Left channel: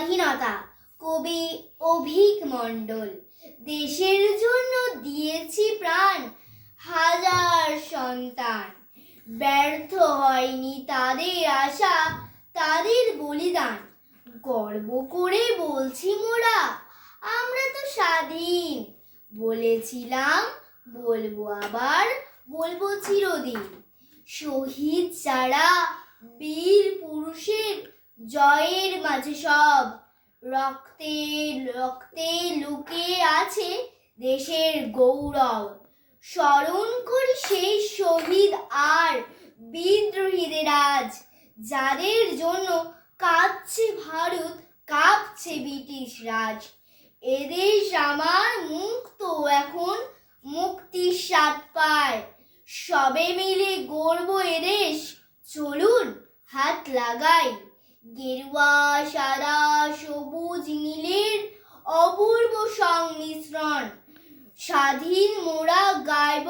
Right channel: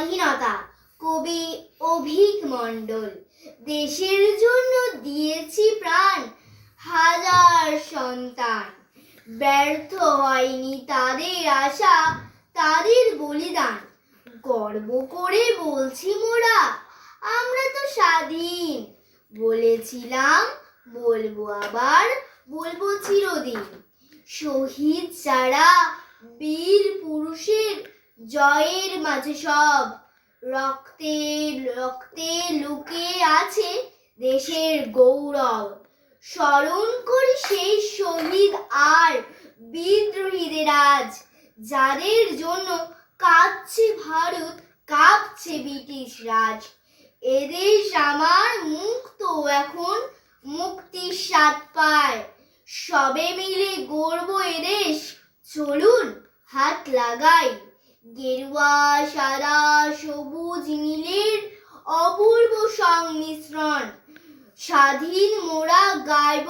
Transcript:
স্বাধীনতা। কবি অভীক মণ্ডল। দেশের জন্য দিয়েছি প্রাণ হাজার সন্তান, ব্যর্থ হয়নি তাদের আশা, তাদের বলিদান। গর্ব করে বলছি মোরা, আমরা তো স্বাধীন। বলেছিলাম, বলবো আবার, বলবো চিরদিন। শহীদ যারা, বীর পুরুষের জয়ের মাঝে সব, রক্তে রক্তে লুকিয়ে আছে দেশের গৌরব। স্মরণ করি সেই শহীদ আর বিদ্রোহীদের আজ, যাদের জন্য কাঁদছে ভারত, কাঁপছে ব্রিটিশ রাজ। এদেশ আমার মুক্ত এখন, মুক্তির স্বাদ পায়। সবে মিলে গড়বো এদেশ, চলুন হাত লাগাই। গেরুয়া সাদা সবুজ নীলের অপূর্ব সংমিশ্রণ, স্বাধীন মোরা গাইব